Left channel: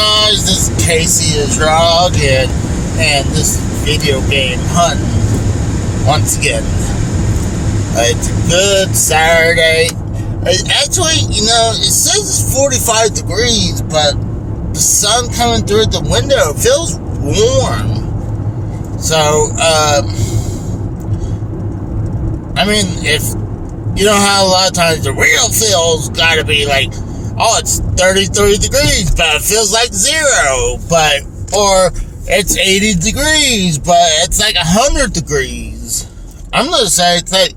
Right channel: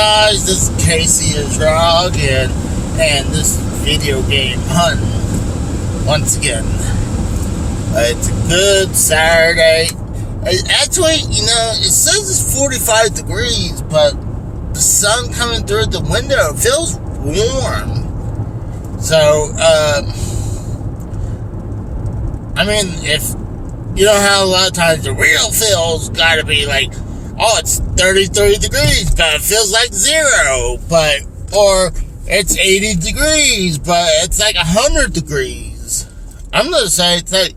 guys? This is Casey the Drug, and this video game hunting once again. It's a good Saturday. Actually, it says it's 45 degrees, but the sun coming through the window feels warm. So, if you know how a lot of times the real feel's gotta be like, oh, it's 33 degrees, but it feels like 0, or it's 80 degrees, but it's like 100 degrees. I'm gonna say it's like,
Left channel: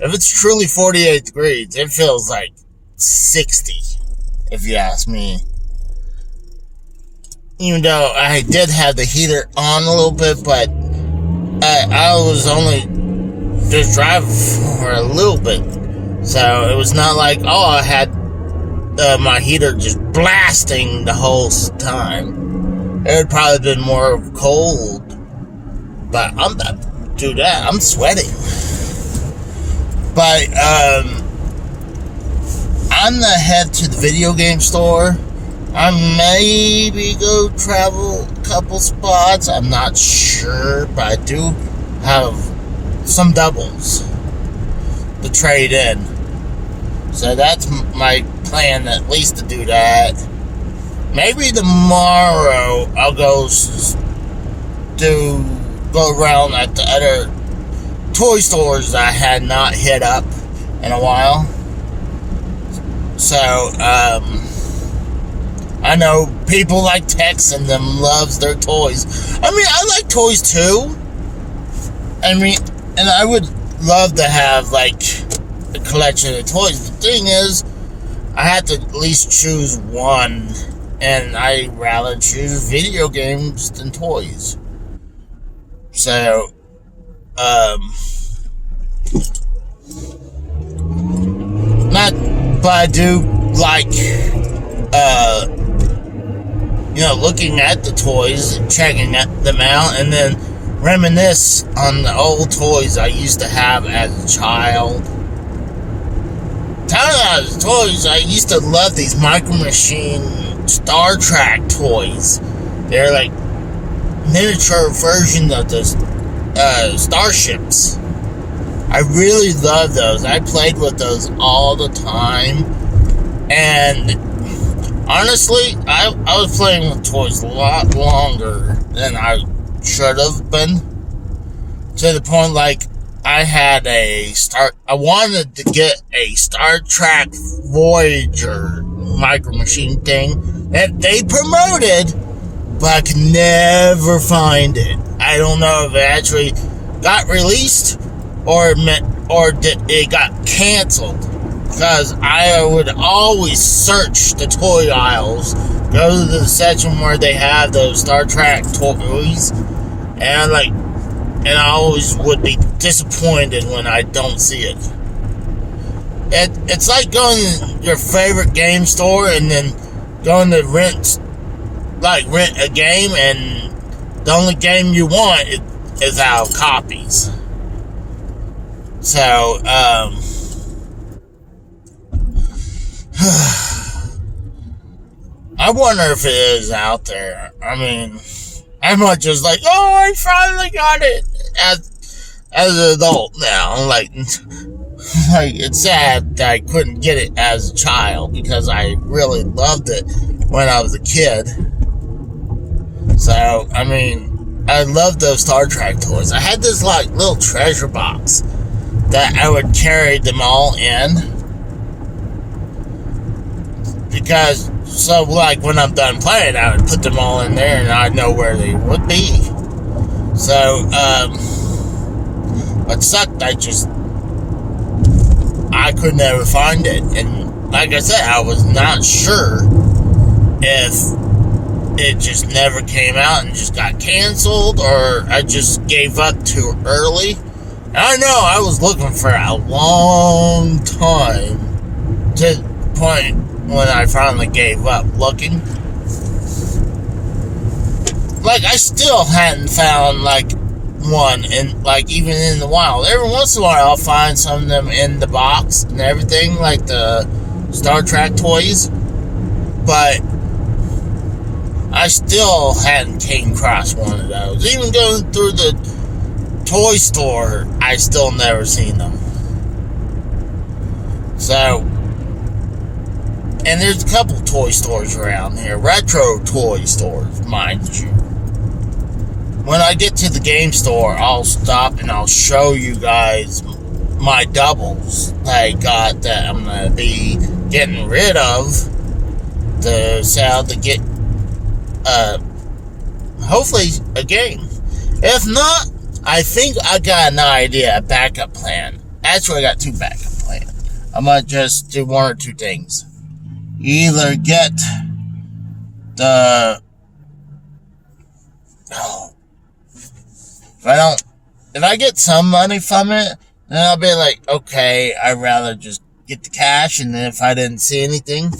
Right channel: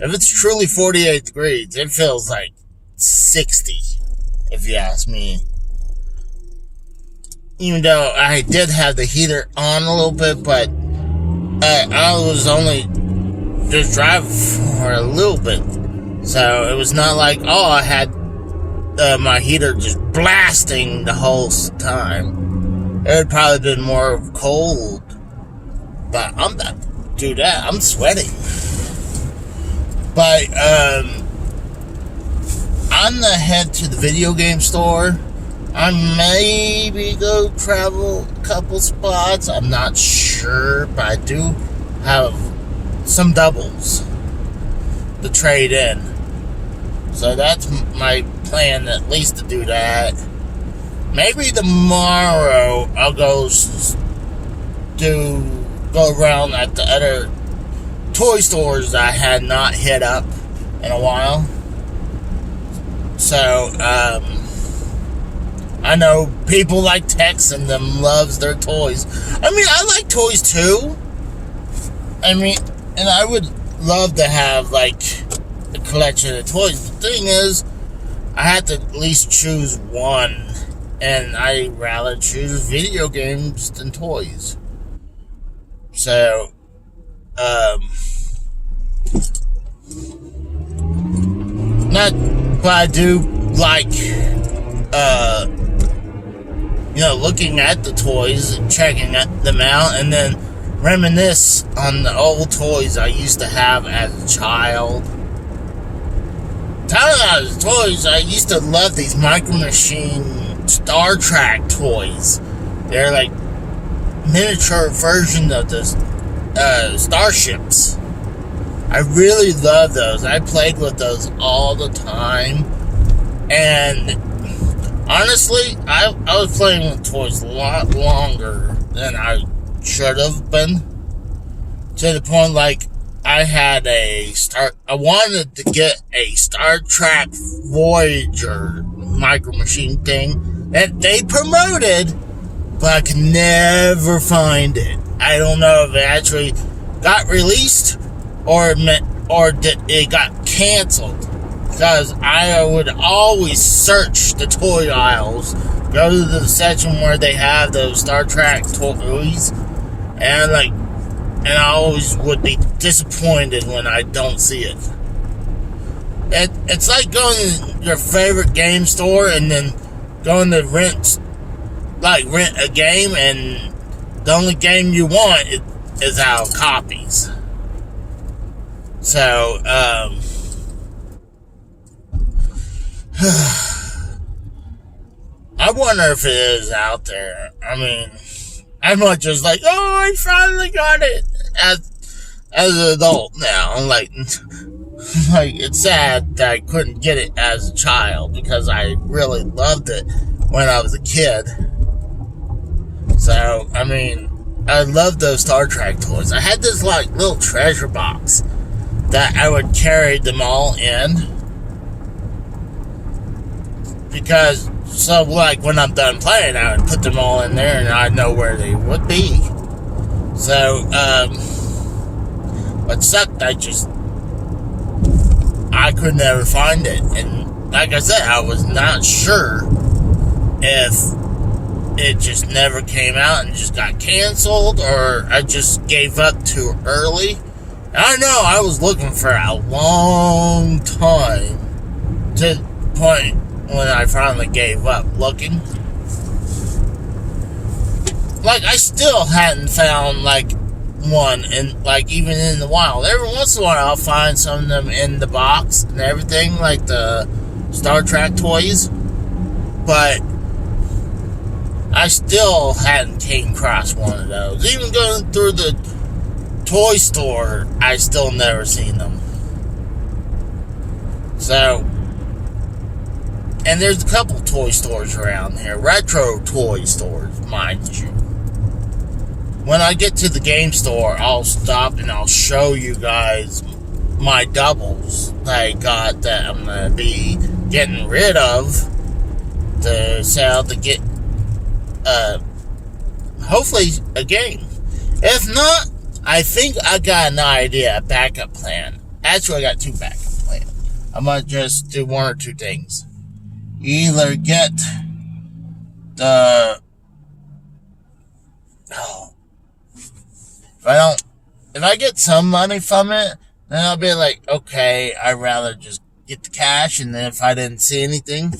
if it's truly 48 degrees, it feels like 60, if you ask me. Even though I did have the heater on a little bit, but I was only just driving for a little bit. So it was not like, I had my heater just blasting the whole time. It would probably been more cold. But I'm not do that. I'm sweating. But I'm gonna head to the video game store. I maybe go travel a couple spots. I'm not sure, but I do have some doubles to trade in. So that's my plan, at least to do that. Maybe tomorrow I'll go around at the other toy stores I had not hit up in a while. So, I know people like Tex and them loves their toys. I like toys too. And I would love to have like a collection of toys. The thing is, I had to at least choose one, and I rather choose video games than toys. So, but I do like, looking at the toys, checking them out, and then reminisce on the old toys I used to have as a child. Talking about toys, I used to love these Micro Machine Star Trek toys. They're like miniature versions of the starships. I really love those. I played with those all the time. And honestly, I was playing with toys a lot longer than I should have been. To the point, like, I wanted to get a Star Trek Voyager Micro Machine thing that they promoted, but I could never find it. I don't know if it actually got released or it got canceled, because I would always search the toy aisles, go to the section where they have those Star Trek toys, and I always would be disappointed when I don't see it. It's like going to your favorite game store and then going to rent a game, and the only game you want is out of copies. So, I wonder if it is out there. I'm not just like, I finally got it as an adult now. Like it's sad that I couldn't get it as a child, because I really loved it when I was a kid. So, I love those Star Trek toys. I had this little treasure box that I would carry them all in, because when I'm done playing, I would put them all in there and I'd know where they would be. So, what sucked, I could never find it. And like I said, I was not sure if it just never came out and just got canceled, or I just gave up too early. And I know I was looking for a long time, to the point when I finally gave up looking. I still hadn't found one even in the wild. Every once in a while I'll find some of them in the box and everything, like the Star Trek toys, but I still hadn't came across one of those. Even going through the toy store, I still never seen them. So, and there's a couple toy stores around here, retro toy stores, mind you. When I get to the game store, I'll stop and I'll show you guys my doubles that I got that I'm going to be getting rid of to sell to get, hopefully, a game. If not, I think I got an idea, a backup plan. Actually, I got two backup plans. I might just do one or two things. Either get the... If I get some money from it, then I'll be like, okay, I'd rather just get the cash, and then if I didn't see anything,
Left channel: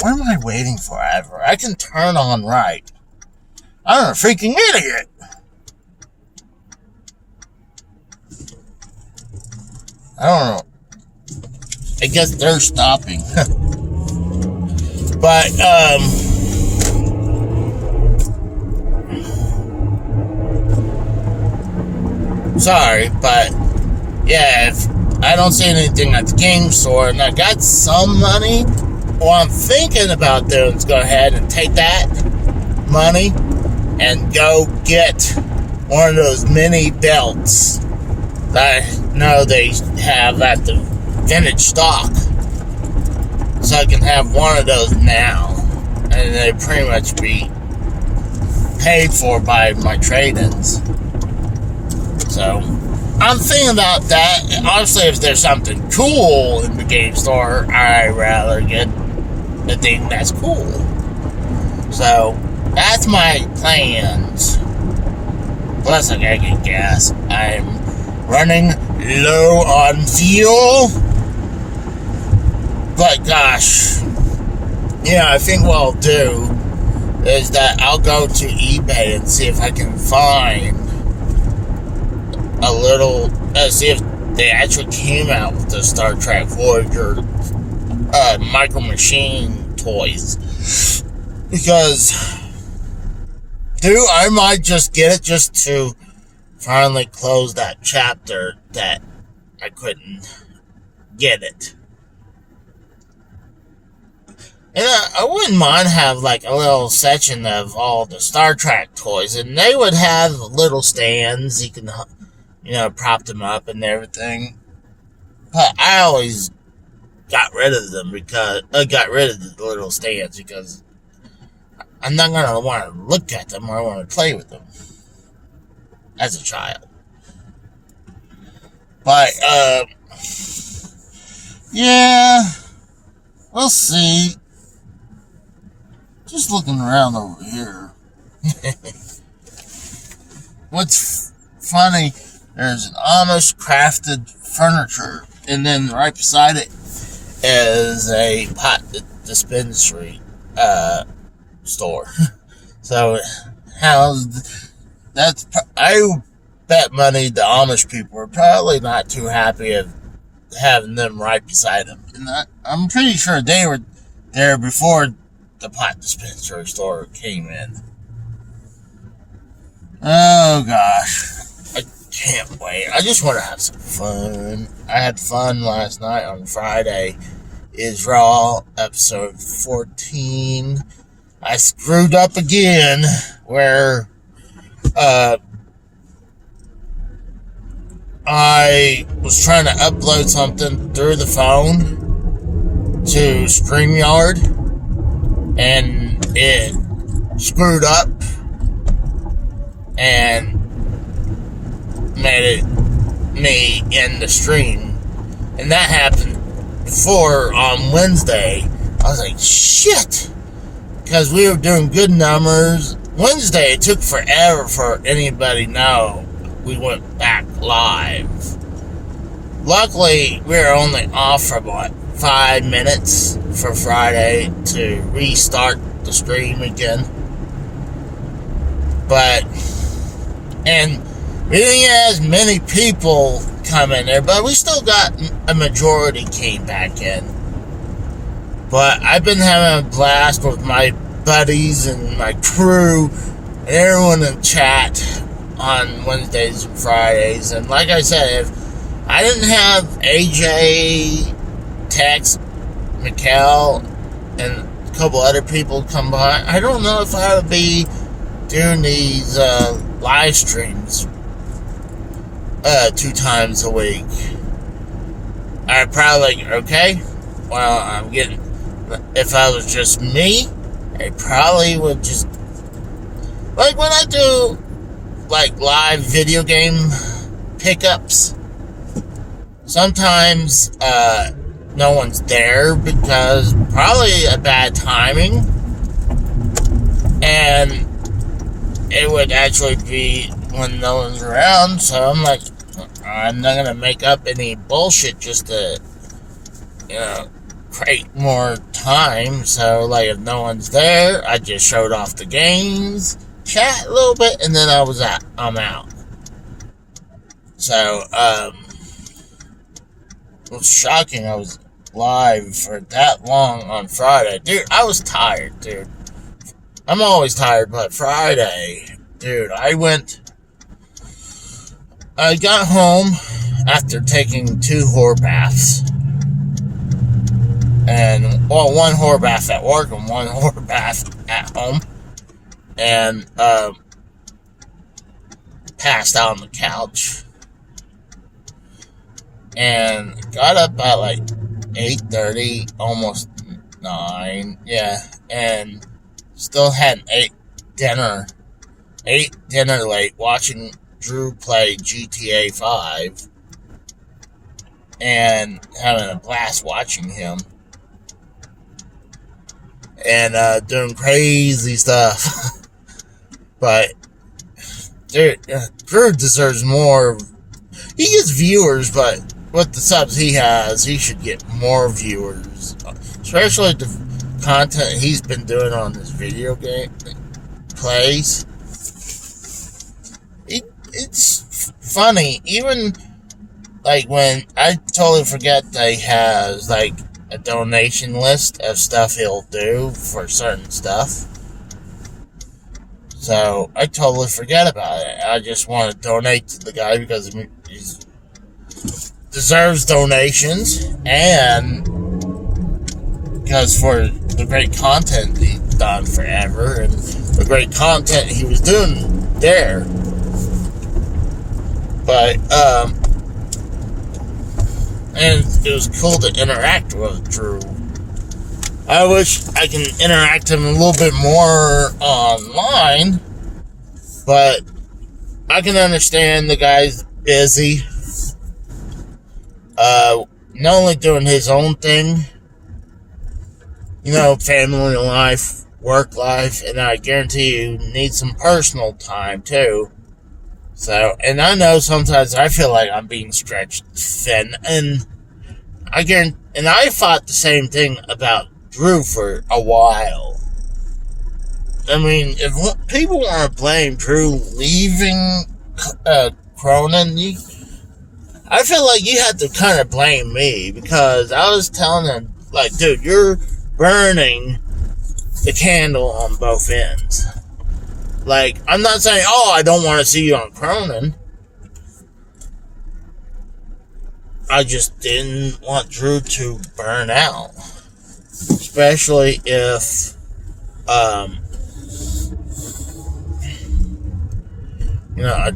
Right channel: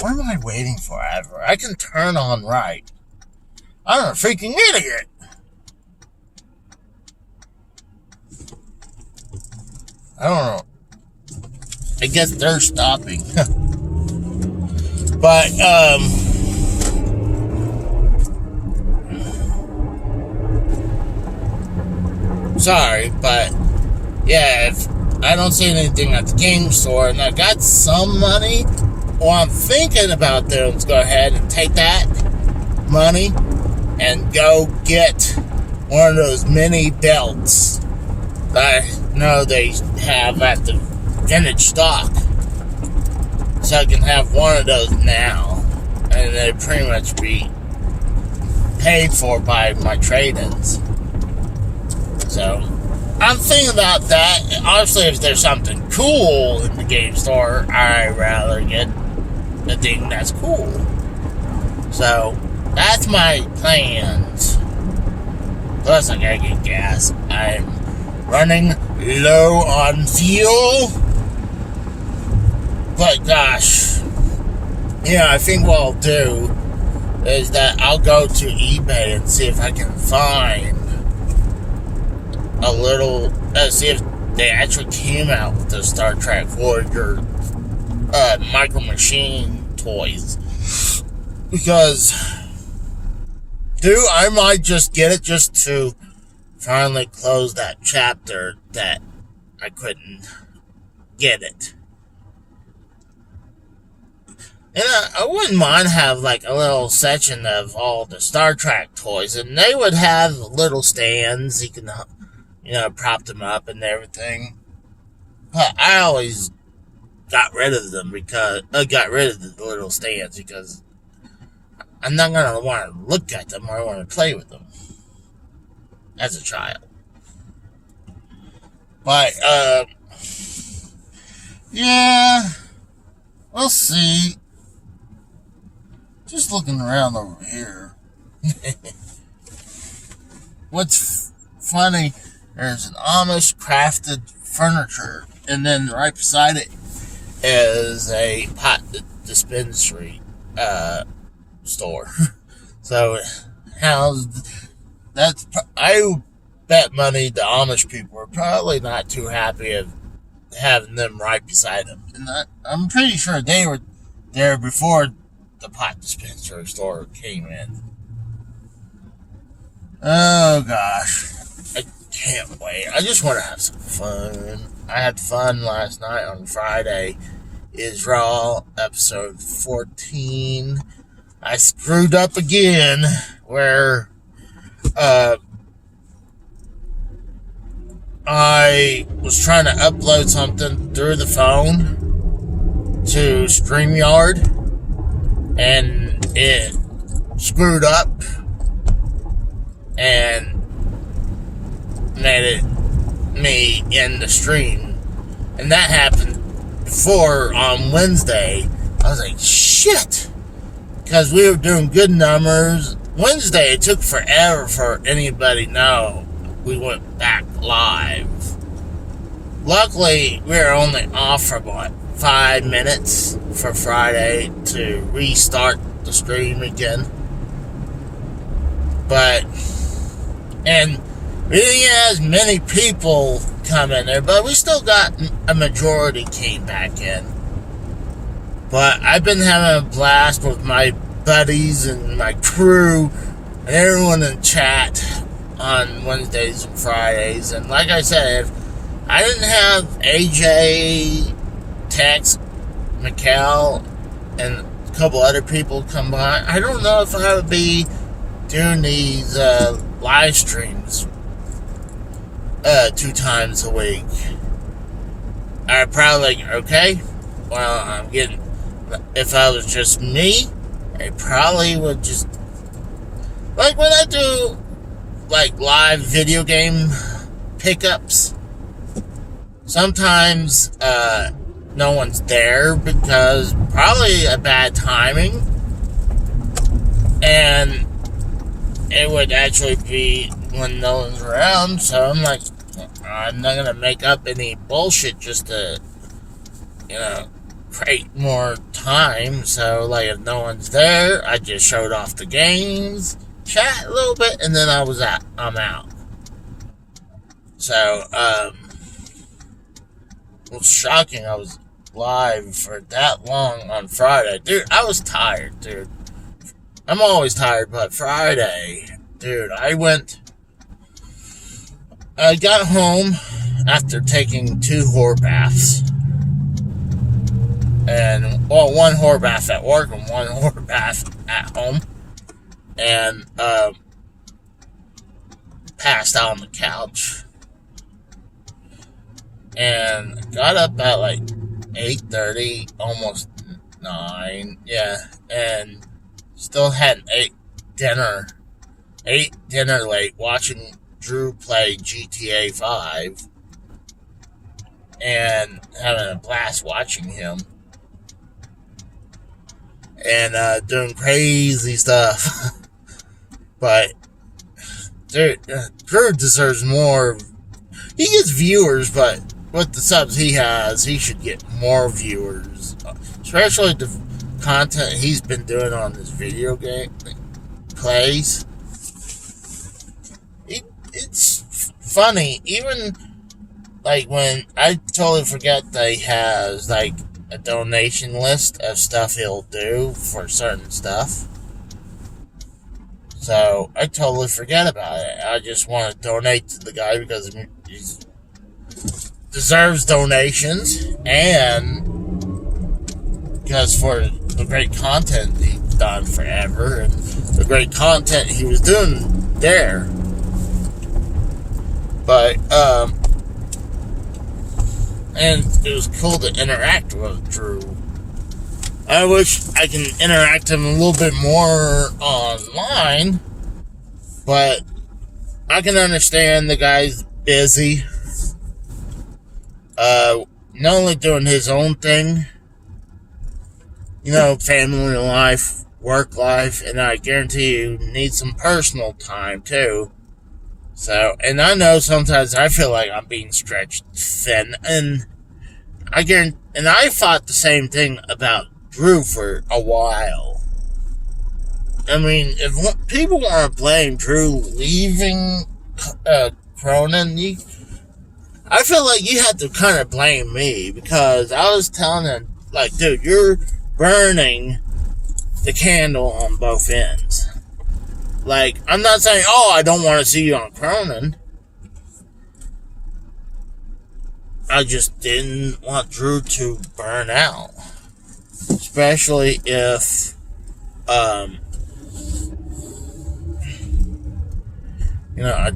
what am I waiting for ever? I can turn on right. I'm a freaking idiot. I don't know. I guess they're stopping. But, sorry, but yeah, if I don't see anything at the game store and I got some money, well, I'm thinking about doing is go ahead and take that money and go get one of those mini belts that I know they have at the vintage stock, so I can have one of those now, and they pretty much be paid for by my trade-ins. So I'm thinking about that. Obviously, if there's something cool in the game store, I'd rather get the thing that's cool. So that's my plans. Plus, I gotta get gas. I'm running low on fuel. But gosh, yeah, I think what I'll do is that I'll go to eBay and see if I can find a little, see if they actually came out with the Star Trek Voyager Micro Machine toys. Because, dude, I might just get it just to finally close that chapter that I couldn't get it. And I wouldn't mind have like a little section of all the Star Trek toys, and they would have little stands. You can, prop them up and everything. But I always got rid of them because I got rid of the little stands because I'm not gonna want to look at them or I want to play with them as a child. But yeah, we'll see. Just looking around over here. What's funny, there's an Amish crafted furniture, and then right beside it is a pot dispensary store. So, I bet money the Amish people are probably not too happy of having them right beside them. And I'm pretty sure they were there before the pot dispensary store came in. Oh gosh, I can't wait. I just want to have some fun. I had fun last night on Friday. Is Raw episode 14. I screwed up again where I was trying to upload something through the phone to StreamYard, and it screwed up and made me end the stream. And that happened before on Wednesday. I was like, shit, because we were doing good numbers. Wednesday, it took forever for anybody to know we went back live. Luckily, we were only off for about 5 minutes for Friday to restart the stream again. And we didn't get as many people come in there, but we still got a majority came back in. But I've been having a blast with my buddies and my crew and everyone in chat on Wednesdays and Fridays. And like I said, if I didn't have AJ, Tex, Mikkel, and a couple other people come by, I don't know if I would be doing these live streams 2 times a week. I'd probably like, okay, well, I'm getting, if I was just me, I probably would just, like when I do like live video game pickups, sometimes no one's there because probably a bad timing, and it would actually be when no one's around. So I'm like, I'm not gonna make up any bullshit just to, create more time. So like if no one's there, I just showed off the games, chat a little bit, and then I'm out. So it was shocking I was live for that long on Friday. Dude, I was tired, dude. I'm always tired, but Friday, dude, I got home after taking 2 whore baths. And, well, 1 whore bath at work and 1 whore bath at home. And, passed out on the couch. And got up at like 8:30, almost 9, yeah. And still hadn't ate dinner late, watching Drew play GTA 5. And having a blast watching him. And doing crazy stuff. But, dude, Drew deserves more. He gets viewers, but with the subs he has, he should get more viewers. Especially the content he's been doing on this video game plays. It's funny. Even, like, when I totally forget that he has, like, a donation list of stuff he'll do for certain stuff. So, I totally forget about it. I just want to donate to the guy because he deserves donations, and because for the great content he's done forever, and the great content he was doing there. But, and it was cool to interact with Drew. I wish I can interact with him a little bit more online, but I can understand the guy's busy. Not only doing his own thing, family life, work life, and I guarantee you need some personal time too. So, and I know sometimes I feel like I'm being stretched thin, and I thought the same thing about Drew for a while. I mean, if people want to blame Drew leaving Cronin, I feel like you have to kind of blame me, because I was telling him, like, dude, you're burning the candle on both ends. Like, I'm not saying, I don't want to see you on Cronin. I just didn't want Drew to burn out. Especially if, I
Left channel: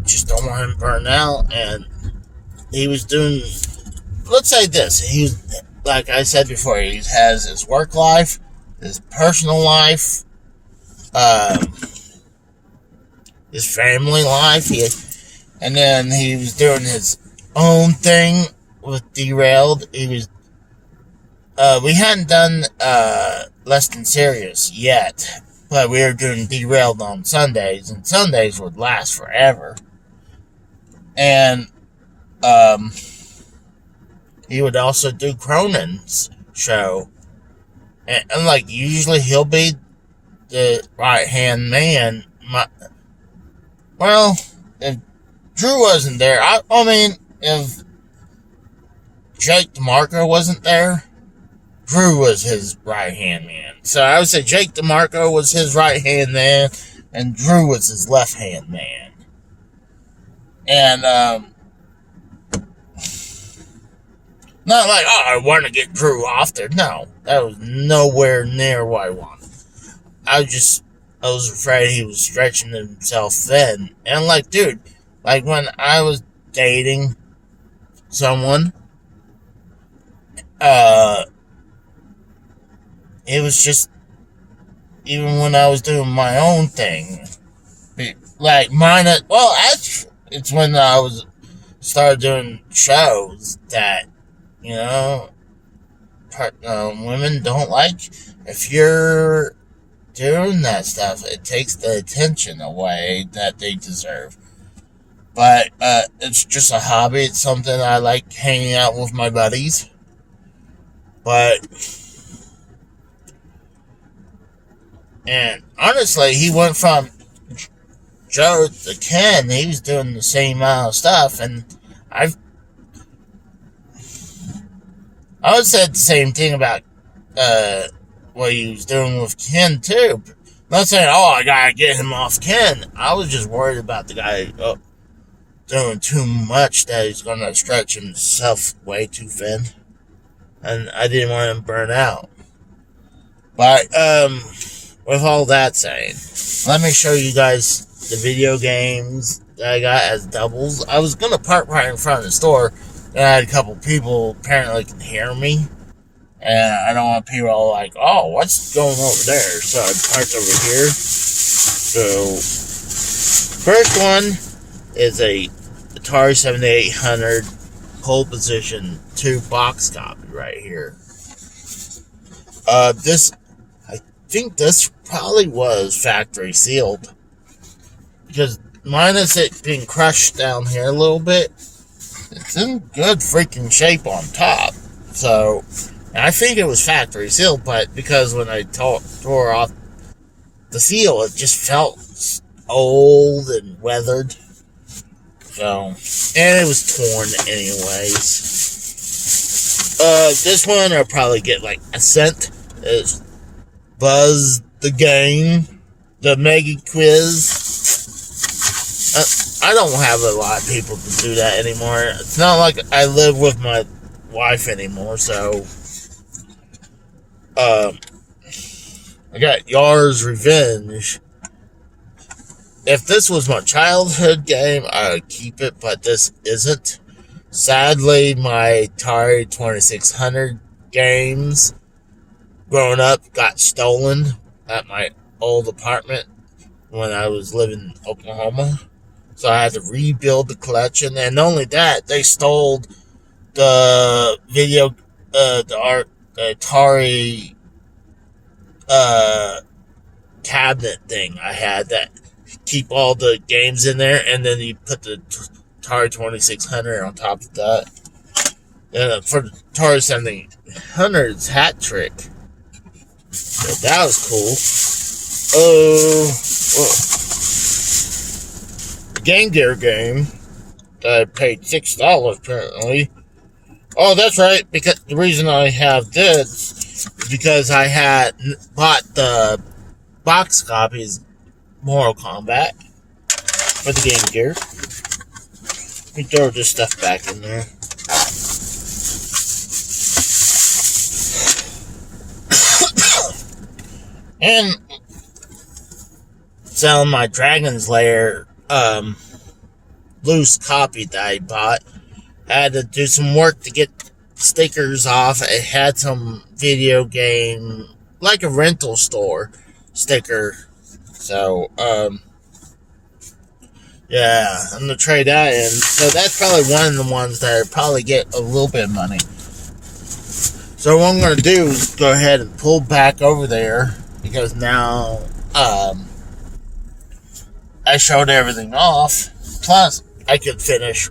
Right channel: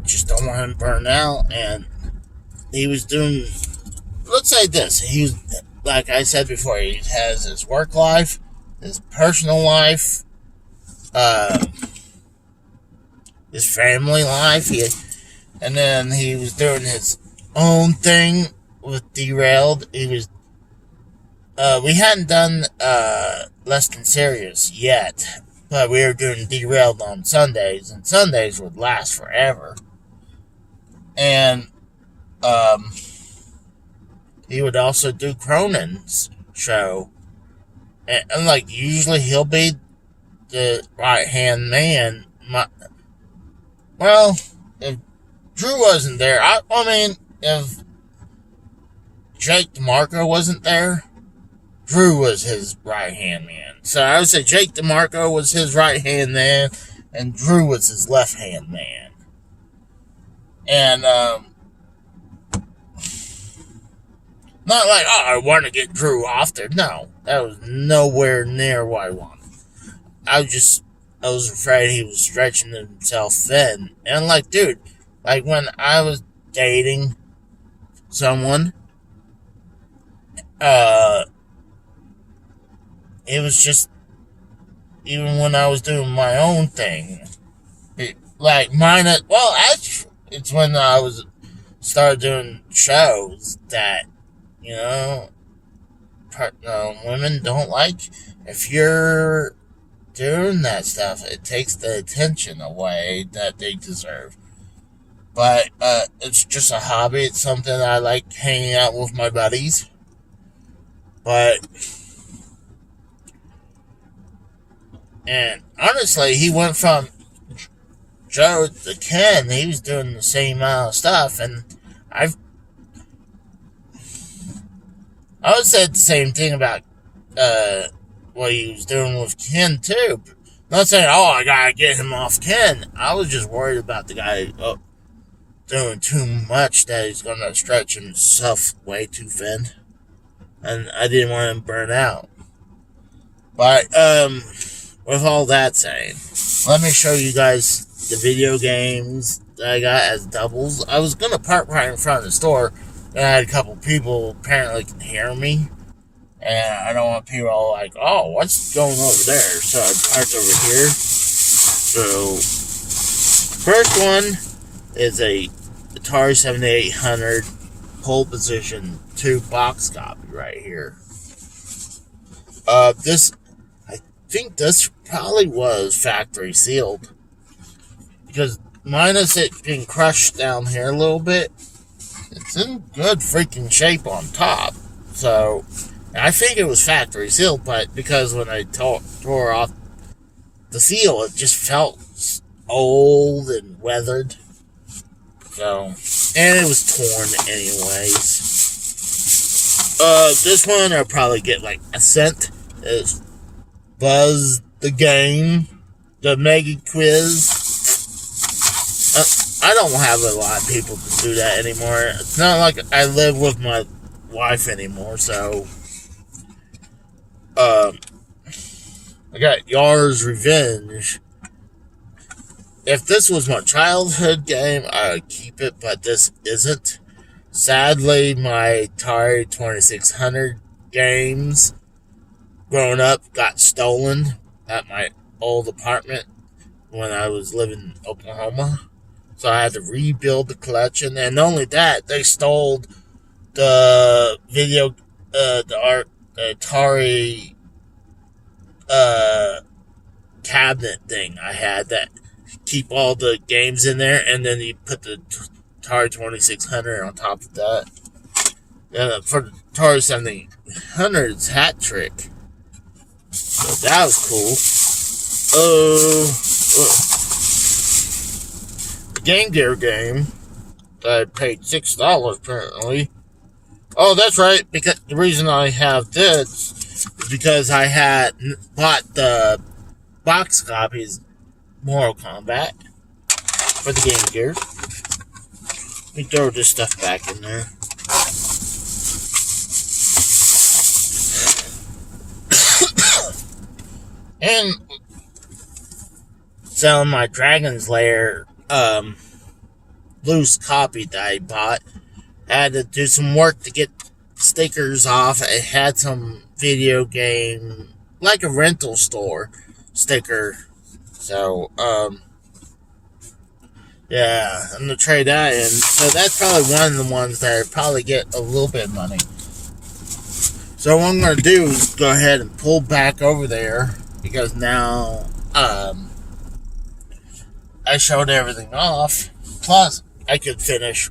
just don't want him to burn out. And he was doing, let's say this, he was, like I said before, he has his work life, his personal life, his family life, and then he was doing his own thing with Derailed. He was, we hadn't done, Less Than Serious yet, but we were doing Derailed on Sundays, and Sundays would last forever. And, he would also do Cronin's show. And like, usually he'll be the right-hand man. If Drew wasn't there, I mean, if Jake DeMarco wasn't there, Drew was his right-hand man. So I would say Jake DeMarco was his right-hand man, and Drew was his left-hand man. And, not like, oh, I want to get Drew off there. No, that was nowhere near what I wanted. I was afraid he was stretching himself thin. And like, dude, like when I was dating someone, it was just, even when I was doing my own thing, like mine, well, actually, it's when I started doing shows that, you know, women don't like. If you're doing that stuff, it takes the attention away that they deserve. But it's just a hobby. It's something I like hanging out with my buddies. But, and honestly, he went from Joe to Ken. He was doing the same amount of stuff, and I would say the same thing about what he was doing with Ken too. Not saying, oh, I gotta get him off Ken. I was just worried about the guy doing too much, that he's gonna stretch himself way too thin, and I didn't want him to burn out. But with all that saying, let me show you guys the video games that I got as doubles. I was gonna park right in front of the store, and I had a couple people apparently can hear me, and I don't want people all like, oh, what's going over there? So I parked over here. So first one is a Atari 7800 pole position 2 box copy right here. This, I think this probably was factory sealed, because minus it being crushed down here a little bit, it's in good freaking shape on top. So I think it was factory sealed, but because when I tore off the seal, it just felt old and weathered. So, and it was torn anyways. This one I'll probably get like a cent. Is Buzz the Game, the Mega Quiz. I don't have a lot of people to do that anymore. It's not like I live with my wife anymore, so I got Yar's Revenge. If this was my childhood game, I would keep it, but this isn't. Sadly, my Atari 2600 games growing up got stolen at my old apartment when I was living in Oklahoma. So I had to rebuild the collection, and not only that, they stole the the Atari cabinet thing I had that keep all the games in there, and then you put the Atari 2600 on top of that. For the Atari 7800's hat trick. So that was cool. The Game Gear game that I paid $6 apparently. Oh, that's right, because the reason I have this is because I had bought the box copies Mortal Kombat for the Game Gear. Let me throw this stuff back in there. And selling my Dragon's Lair loose copy that I bought. I had to do some work to get stickers off. It had some video game, like a rental store sticker. So, yeah, I'm going to trade that in. So that's probably one of the ones that I probably get a little bit of money. So what I'm going to do is go ahead and pull back over there, because now I showed everything off. Plus, I could finish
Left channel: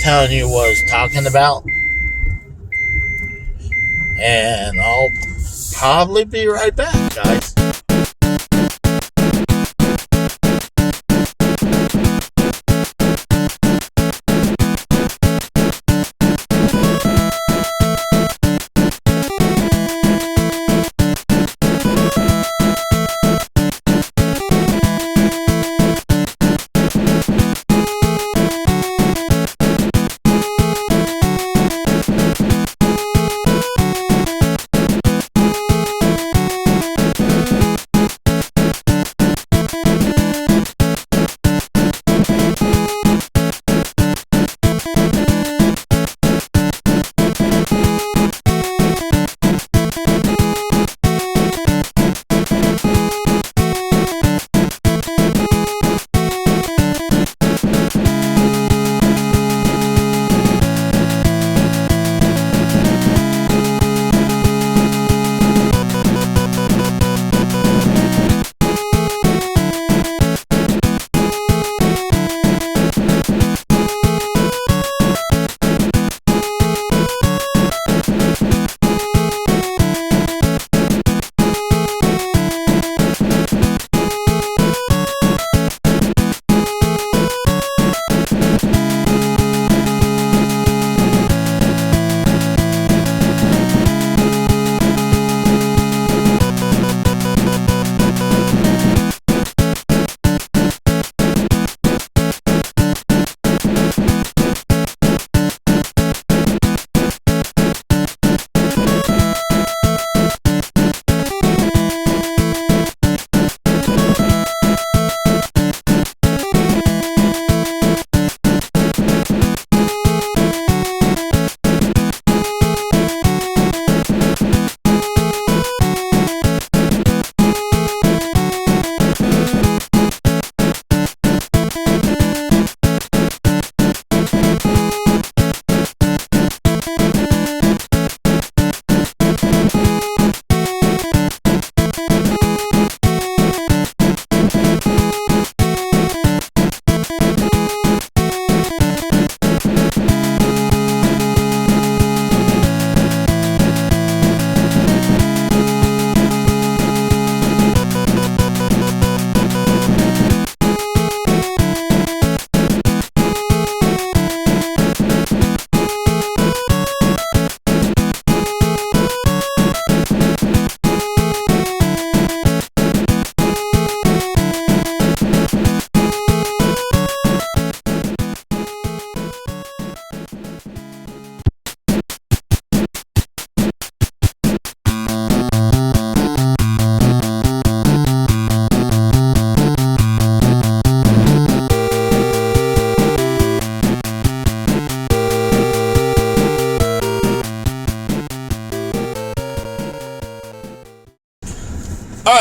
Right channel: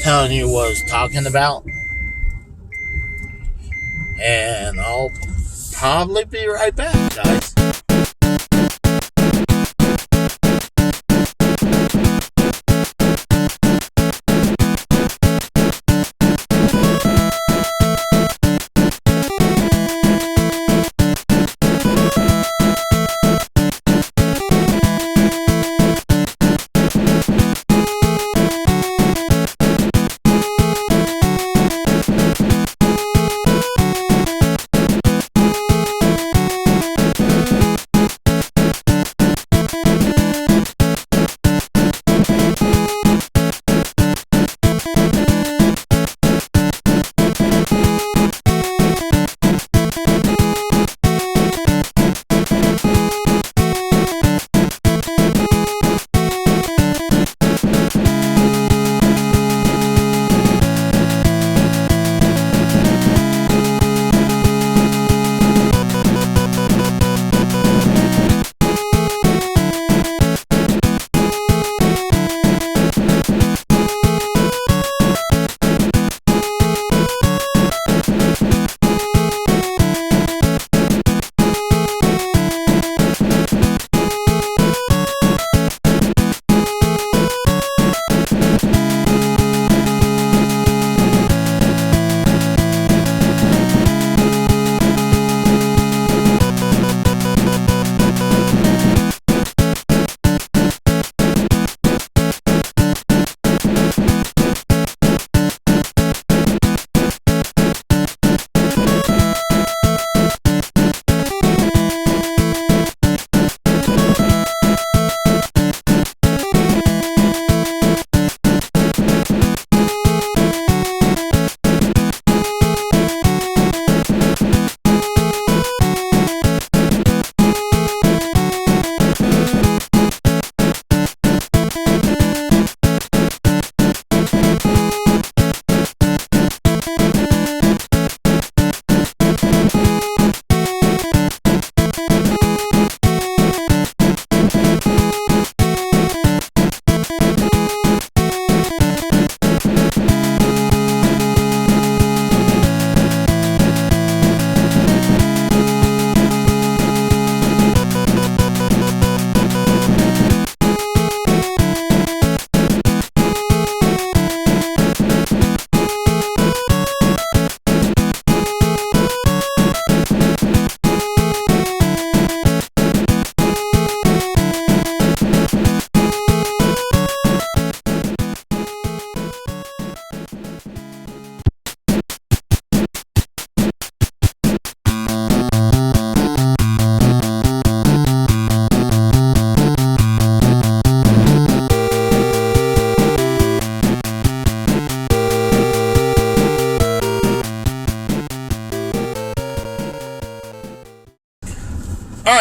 telling you what I was talking about. And I'll probably be right back, guys.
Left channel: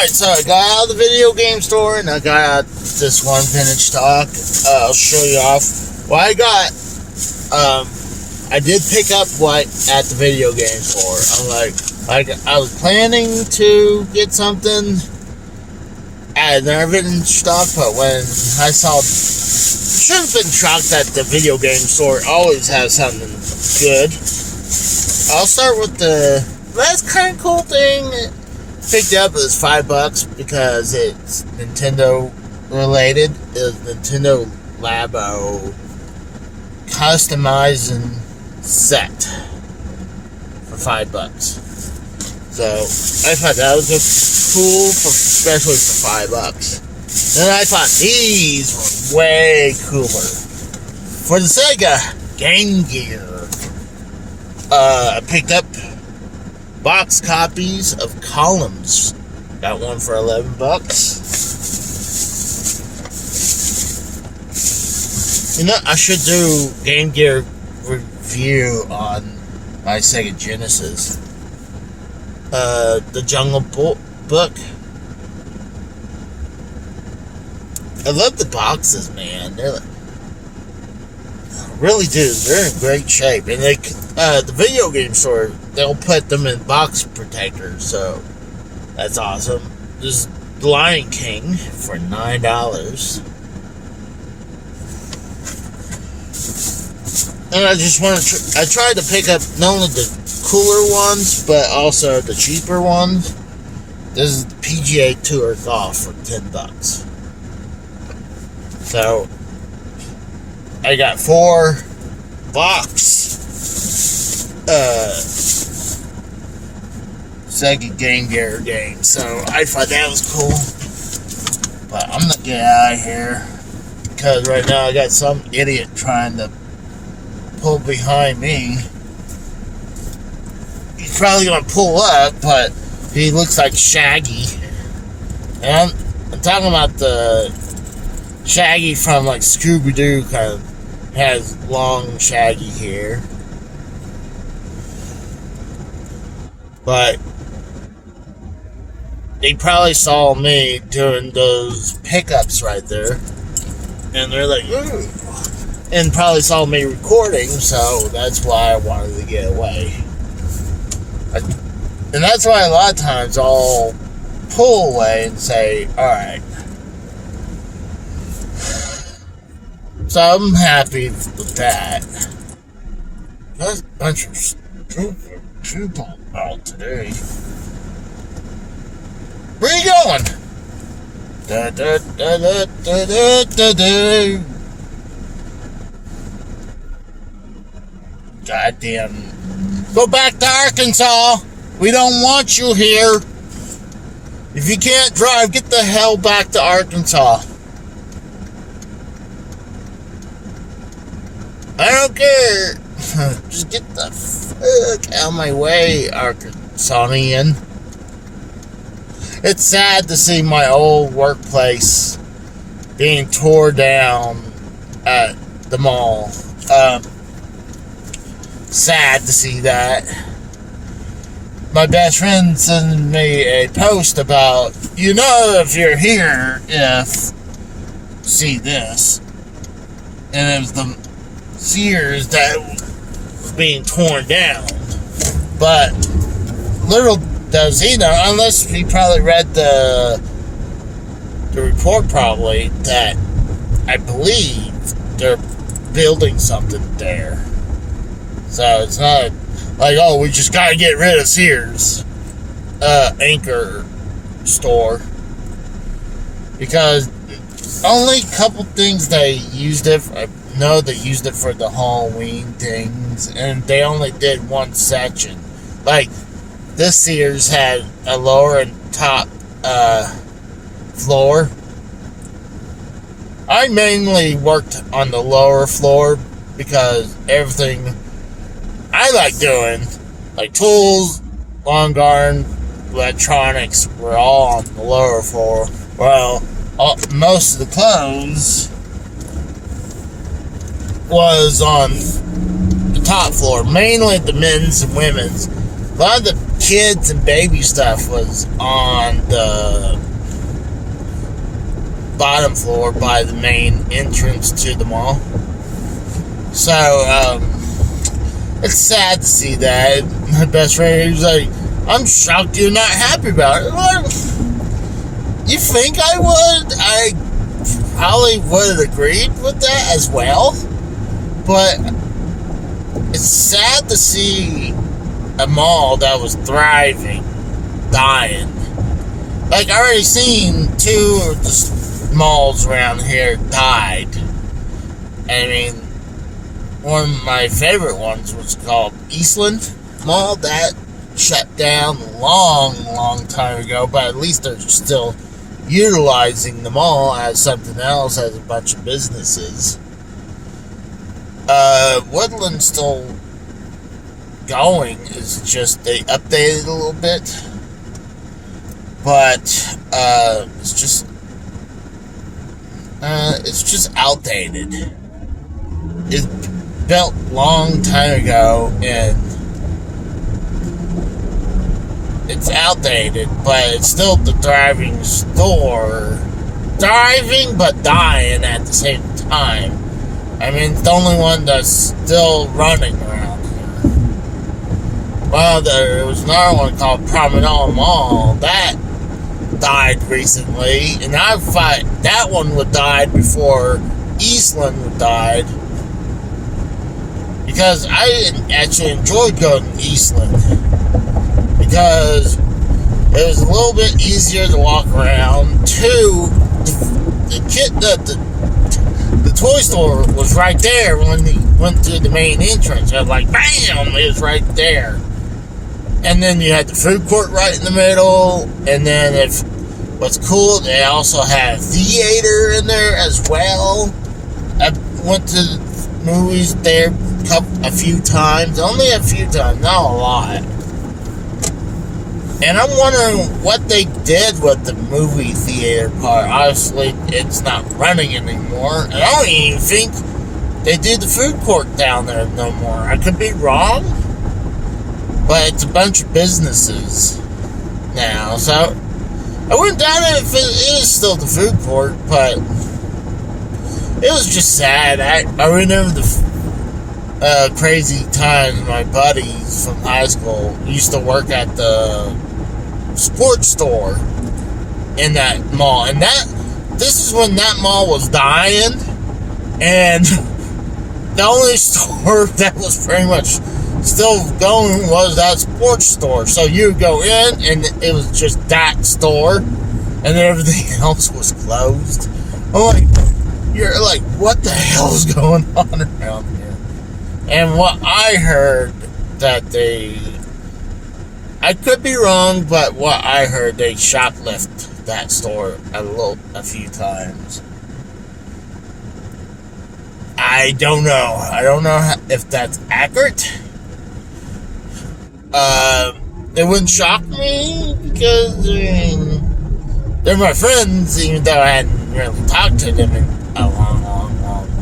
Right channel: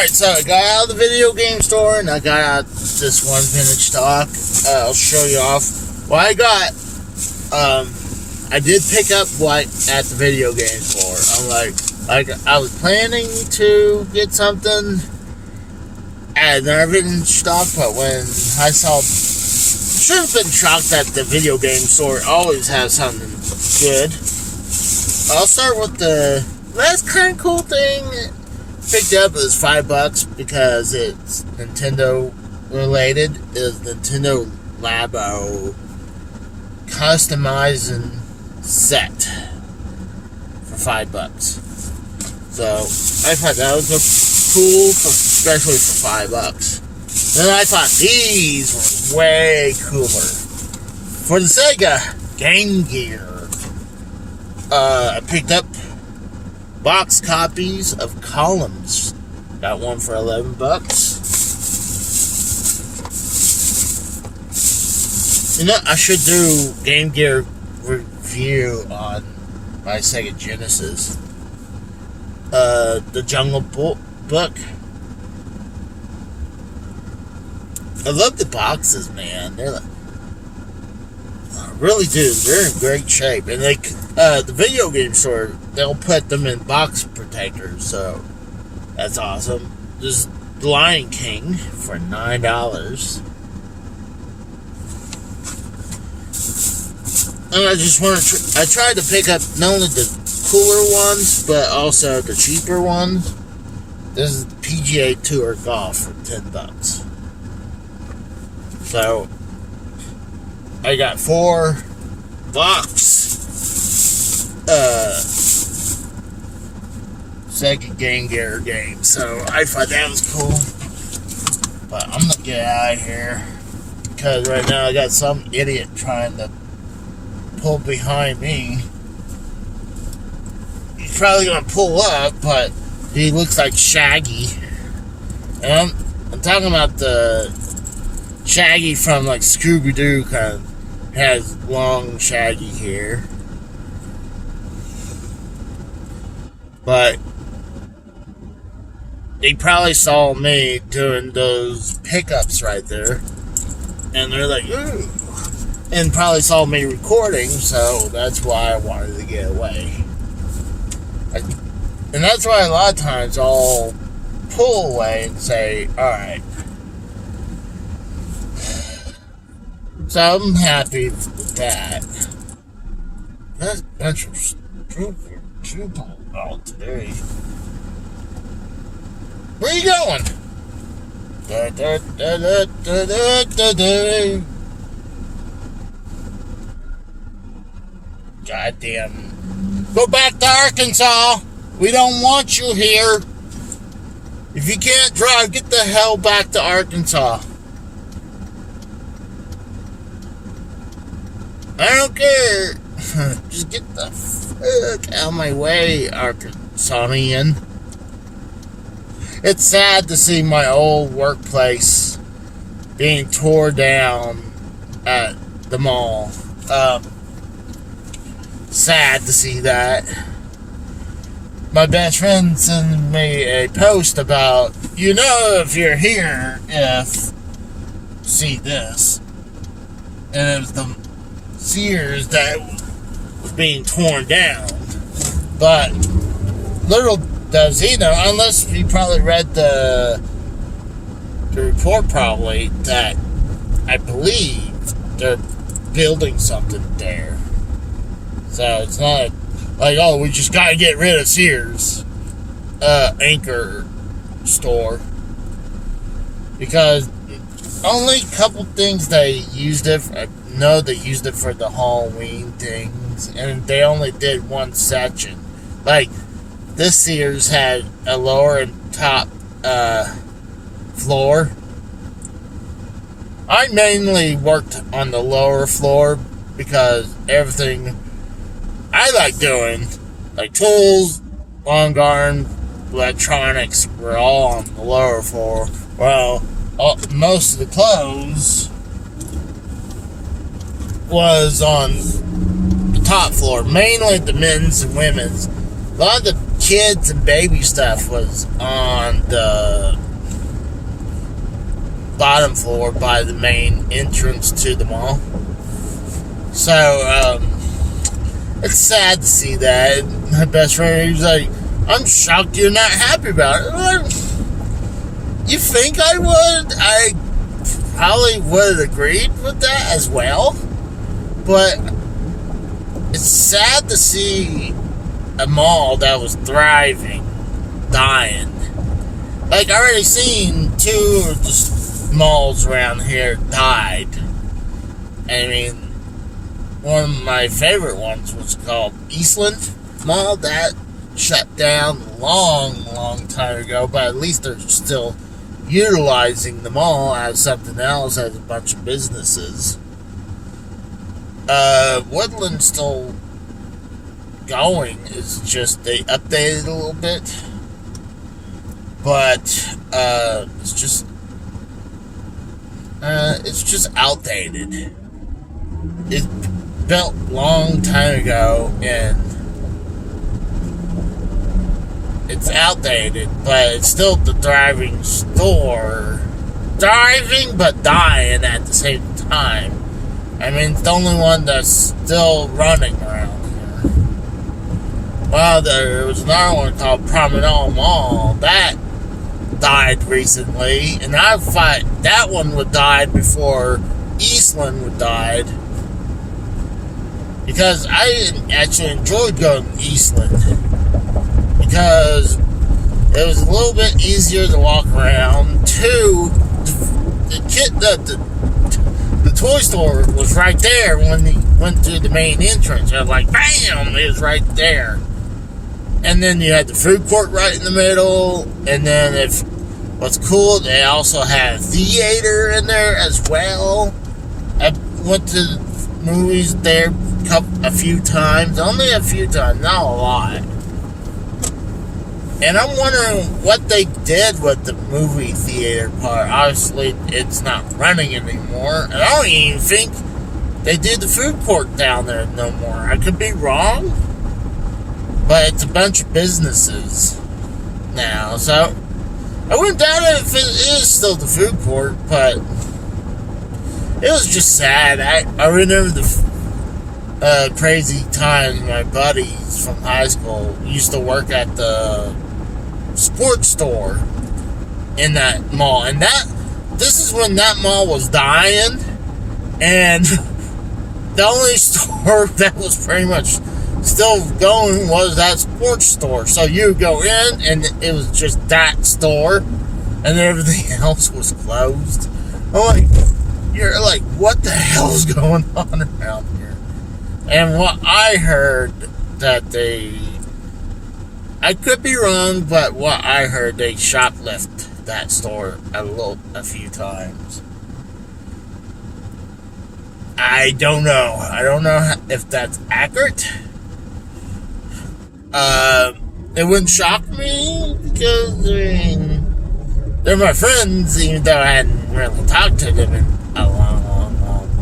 Alright, so I got out of the video game store and I got out this one vintage stock. I'll show you off what I got. I did pick up what at the video game store. I'm like I was planning to get something at another vintage stock, but when I saw, should have been shocked that the video game store always has something good. I'll start with the last kind of cool thing. Picked up is $5 because it's Nintendo related. It's Nintendo Labo customizing set for $5. So I thought that was cool, especially for $5. Then I thought these were way cooler. For the Sega Game Gear, I picked up box copies of Columns. Got one for $11. You know, I should do Game Gear review on my Sega Genesis. The Jungle Book. I love the boxes, man. They're like, really do. They're in great shape, and they the video game store, they'll put them in box protectors, so that's awesome. This is The Lion King for $9. And I just want to I tried to pick up not only the cooler ones, but also the cheaper ones. This is PGA Tour Golf for $10. So I got 4 box Sega Game Gear games. So I thought that was cool. But I'm gonna get out of here because right now I got some idiot trying to pull behind me. He's probably gonna pull up, but he looks like Shaggy. And I'm talking about the Shaggy from like Scooby-Doo, kind of has long shaggy hair. But they probably saw me doing those pickups right there, and they're like, ooh, and probably saw me recording, so that's why I wanted to get away. And that's why a lot of times I'll pull away and say, alright. So I'm happy with that. There's a bunch of stupid people out today. Where are you going? Da, da, da, da, da, da, da, da. Goddamn. Go back to Arkansas. We don't want you here. If you can't drive, get the hell back to Arkansas. I don't care. Just get the fuck out of my way, Arkansasian. It's sad to see my old workplace being torn down at the mall. Sad to see that. My best friend sent me a post about, you know, if you're here, see this. And it was the Sears that was being torn down. But little does he know, unless he probably read the report probably, that I believe they're building something there. So it's not like, oh, we just gotta get rid of Sears anchor store, because only a couple things they used it for. I know they used it for the Halloween things, and they only did one section. Like, this Sears had a lower and top floor. I mainly worked on the lower floor because everything I like doing, like tools, long garden, electronics, were all on the lower floor. Well, most of the clothes was on the top floor, mainly the men's and women's. A lot of the kids and baby stuff was on the bottom floor by the main entrance to the mall. So, it's sad to see that. My best friend, he was like, I'm shocked you're not happy about it. Well, you think I would? I probably would have agreed with that as well. But it's sad to see a mall that was thriving, dying. Like, I already seen 2 of the malls around here died. I mean, one of my favorite ones was called Eastland Mall. That shut down long time ago, but at least they're still utilizing the mall as something else, as a bunch of businesses. Woodland's still going. It's just they updated a little bit, but it's just outdated. It's built long time ago, and it's outdated, but it's still the thriving store. Thriving, but dying at the same time. I mean, it's the only one that's still running around here. Well, there was another one called Promenade Mall. That died recently, and I thought that one would die before Eastland would die. Because I actually enjoyed going to Eastland. Because it was a little bit easier to walk around. 2, the toy store was right there when you went to the main entrance. It was like, bam, it was right there. And then you had the food court right in the middle. And then what's cool, they also had a theater in there as well. I went to the movies there a few times. Only a few times, not a lot. And I'm wondering what they did with the movie theater part. Obviously, it's not running anymore. And I don't even think they do the food court down there no more. I could be wrong, but it's a bunch of businesses now. So, I wouldn't doubt it if it is still the food court, but it was just sad. I remember the crazy times my buddies from high school used to work at the sports store in that mall, and this is when that mall was dying, and the only store that was pretty much still going was that sports store. So you would go in and it was just that store, and then everything else was closed. I'm like, you're like, what the hell is going on around here? And what I heard that I could be wrong, but what I heard, they shoplift that store a few times. I don't know. I don't know if that's accurate. It wouldn't shock me because, I mean, they're my friends, even though I hadn't really talked to them in a long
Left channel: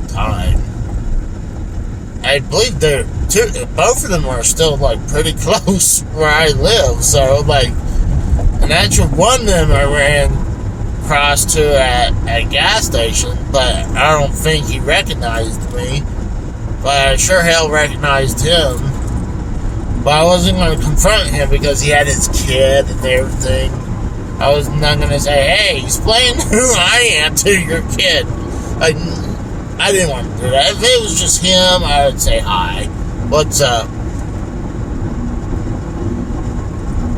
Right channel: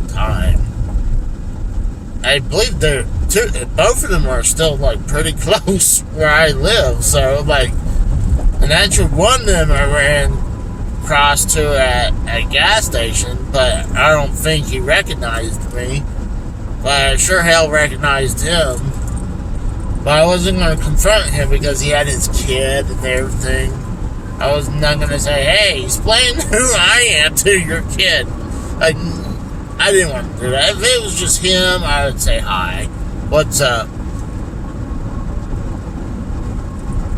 time. I believe both of them are still, like, pretty close where I live. So, like, and actually one of them I ran across to at a gas station, but I don't think he recognized me. But I sure hell recognized him. But I wasn't going to confront him because he had his kid and everything. I was not going to say, hey, explain who I am to your kid. Like, I didn't want to do that. If it was just him, I would say, hi, what's up?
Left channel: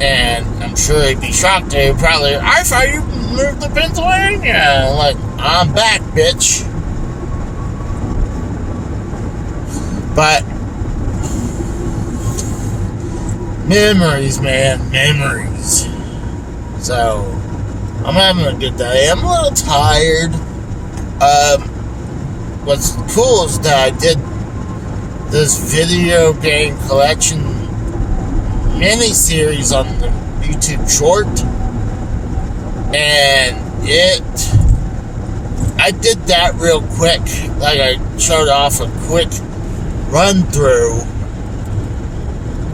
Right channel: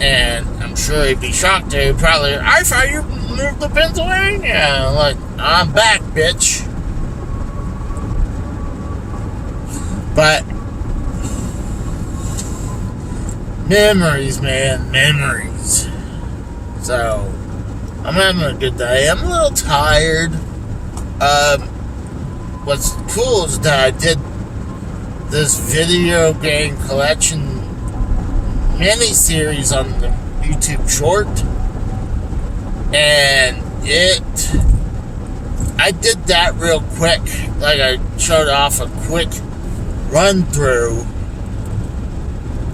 And I'm sure he'd be shocked too. Probably, I thought you moved to Pennsylvania. Like, I'm back, bitch. But memories, man, memories. So, I'm having a good day. I'm a little tired. What's cool is that I did this video game collection mini-series on the YouTube short. And I did that real quick. Like, I showed off a quick run-through.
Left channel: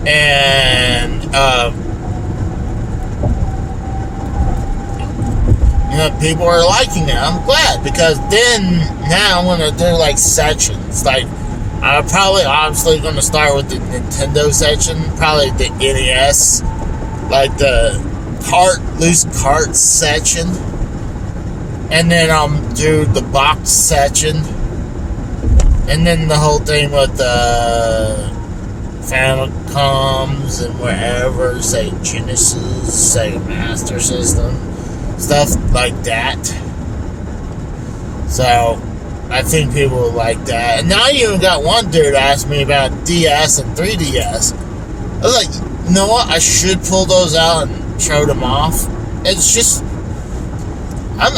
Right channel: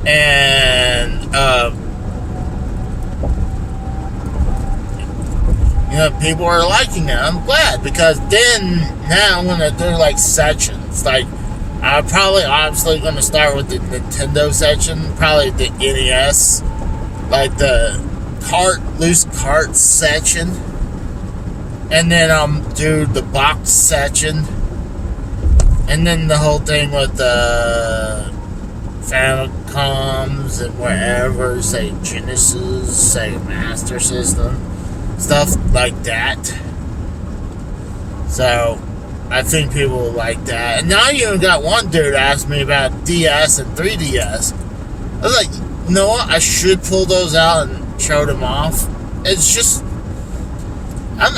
And, people are liking it. I'm glad, because then now I'm gonna do like sections. Like, I'm probably obviously gonna start with the Nintendo section, probably the NES, like the loose cart section, and then I'll do the box section, and then the whole thing with the Famicoms and wherever, say Genesis, say Master System, stuff like that. So I think people will like that. And now you even got one dude ask me about DS and 3DS. I was like, you know what? I should pull those out and show them off. It's just, I'm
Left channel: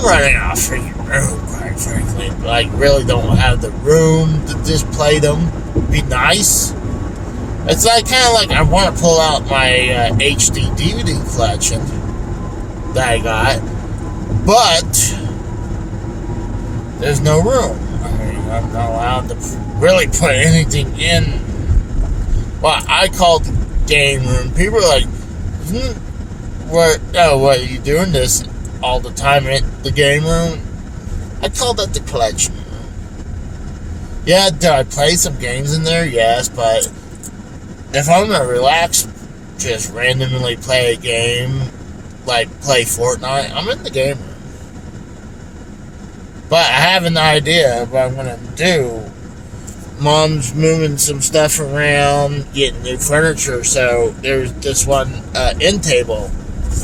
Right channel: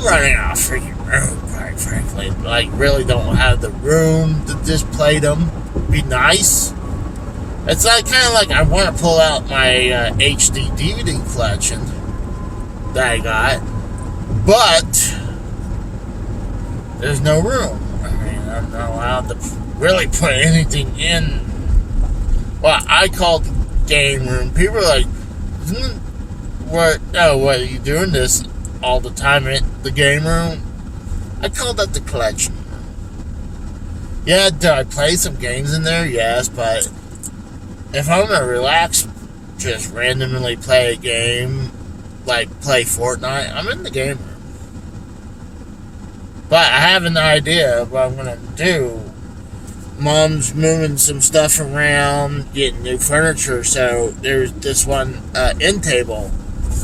running out of freaking room, quite frankly. Like, really don't have the room to display them. Be nice. It's like kind of like I want to pull out my HD DVD collection that I got, but there's no room. I mean, I'm not allowed to really put anything in what I call the game room. People are like, what are you doing this all the time in the game room? I call that the collection room. Yeah, did I play some games in there? Yes, but if I'm gonna relax, just randomly play a game, like play Fortnite, I'm in the game room. But I have an idea of what I'm gonna do. Mom's moving some stuff around, getting new furniture, so there's this one end table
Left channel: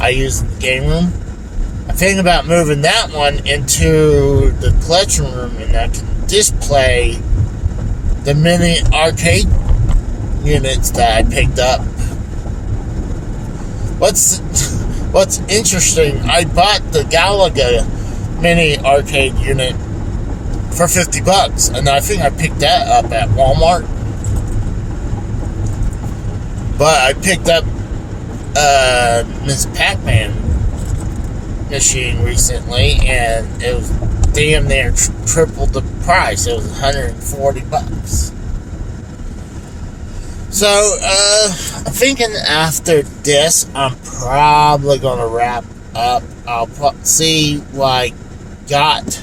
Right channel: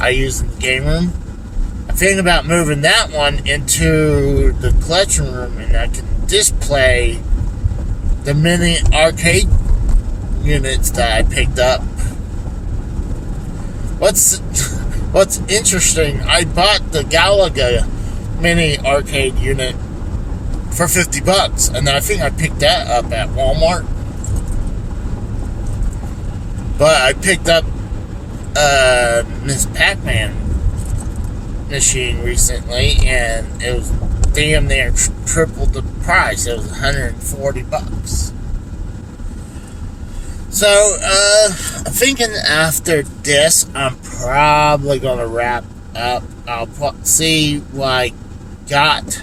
I use in the game room. I'm thinking about moving that one into the collection room, and I can display the mini arcade units that I picked up. What's interesting, I bought the Galaga mini arcade unit for $50, and I think I picked that up at Walmart. But I picked up Miss Pac-Man machine recently, and it was damn near triple the price. It was $140. So, I'm thinking after this, I'm probably going to wrap up. I'll see what I got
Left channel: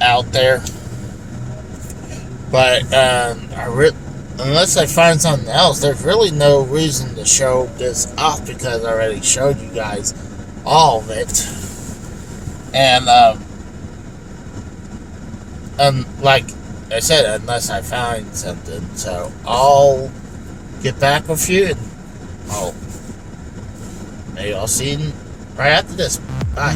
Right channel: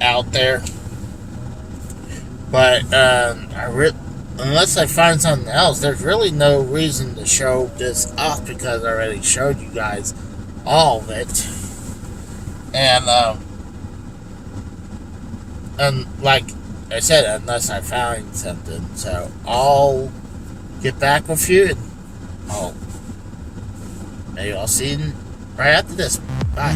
out there. But, unless I find something else, there's really no reason to show this off, because I already showed you guys all of it. And like I said, unless I find something. So I'll get back with you, and maybe I'll see you right after this. Bye.